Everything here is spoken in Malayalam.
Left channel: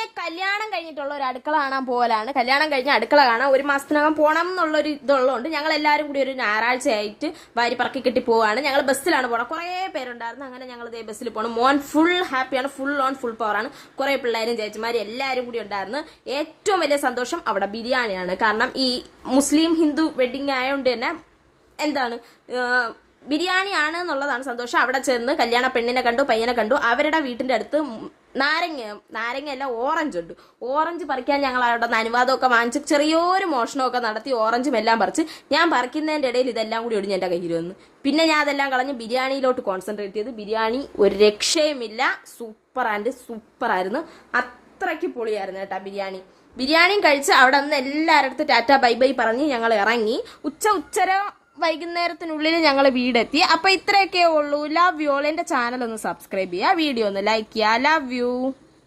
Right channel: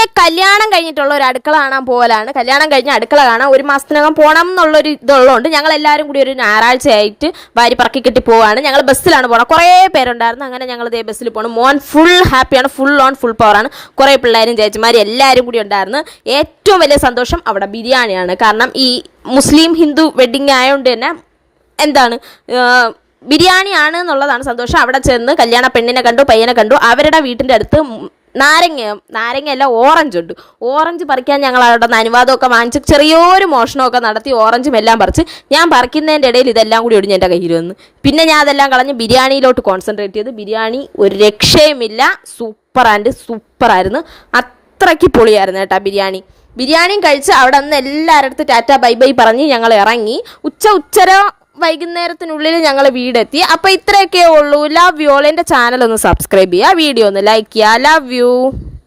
ഒക്കെ കല്യാണം കഴിഞ്ഞിട്ടുള്ള ഒരു അടുക്കള കാണാൻ പോകലാണ്. കല്യാണം കഴിഞ്ഞ അടുക്കള കാണാൻ 1 മാസത്തിനകം പോകണം എന്നുള്ളൊരു ഇതുള്ളതുകൊണ്ട് ഞങ്ങൾ എല്ലാവരും കൂടി ഒരു ഞായറാഴ്ചയായിട്ട് വാരി പറക്കി കെട്ടി പോവാണ്. ഞങ്ങൾ ബസ്സിലാണ് പോകണം. കുറേ പേരുണ്ടായിരുന്നു. അങ്ങനെ ഞങ്ങൾ ഇതേ ബസ്സിൽ പോകണം. മോൻ ഫുൾ ഹാപ്പിയാണ്, ഫുൾ ഓൺ ഫുൾ പവറാണ്. കുറേ പിള്ളേരും ചേച്ചിമാരും എല്ലാവരും കൂടി ഉണ്ടായിരുന്നു. ഏറ്റവും വലിയ സന്തോഷം അവിടെ ബിരിയാണിയാണ്. കാരണം ഈ മുസ്ലിം ഹിന്ദു വെഡിങ് ആയതുകൊണ്ട് തന്നെ എന്താണ് ബിരിയാണിയാണ് എന്നുള്ളതാണ് സന്തോഷം. അവിടെ ചെന്ന് കല്യാണ പെണ്ണിനെ കണ്ടു, പയ്യനെ കണ്ടു. അവരുടെ വീട്ടിൻ്റെ അടുത്ത് നാരങ്ങയല്ല ഓറഞ്ച് ഉണ്ട്. ഓറഞ്ച് പറിക്കാൻ ഞങ്ങൾ അവിടെ നിന്ന് അനുവാദമൊക്കെ വാങ്ങിച്ച് ചെറിയൊരു മോഷണമൊക്കെ നടത്തി ഓറഞ്ചും എല്ലാം പറിച്ച് ഞാൻ പറിക്കുന്നതിൻ്റെ ഇടയിൽ ഇതെല്ലാം കൂടി ഒടിഞ്ഞ് എൻ്റെ കയ്യിൽ വന്നു. പിന്നെ ഞാൻ അതെല്ലാം കളഞ്ഞ് ബിരിയാണിയിലോട്ട് കോൺസെൻട്രേറ്റ് ചെയ്ത്. ബിരിയാണി ഒരു രക്ഷയുമില്ല, സൂപ്പറായിരുന്നു. അത്രയ്ക്ക് പൊളിയായിരുന്നു കേട്ടോ ബിരിയാണിയും കഴിച്ച് അവിടെ നിന്ന് എല്ലാവരുടെ അടുത്ത് ടാറ്റ ബൈ ബൈ പറഞ്ഞ് ഞങ്ങൾ ഇറങ്ങി. ഉച്ചര വൈകുന്നേരത്തിനുള്ളിൽ ഞങ്ങൾ വീടെത്തി. അപ്പോൾ ഇത്രയൊക്കെ ഉള്ളൂ. Love you all. എൻ്റെ ചാനൽ ഒന്ന് സബ്സ്ക്രൈബ് ചെയ്യുക, വീഡിയോ ഒന്ന് ലൈക്ക് ചെയ്യുക. Love you.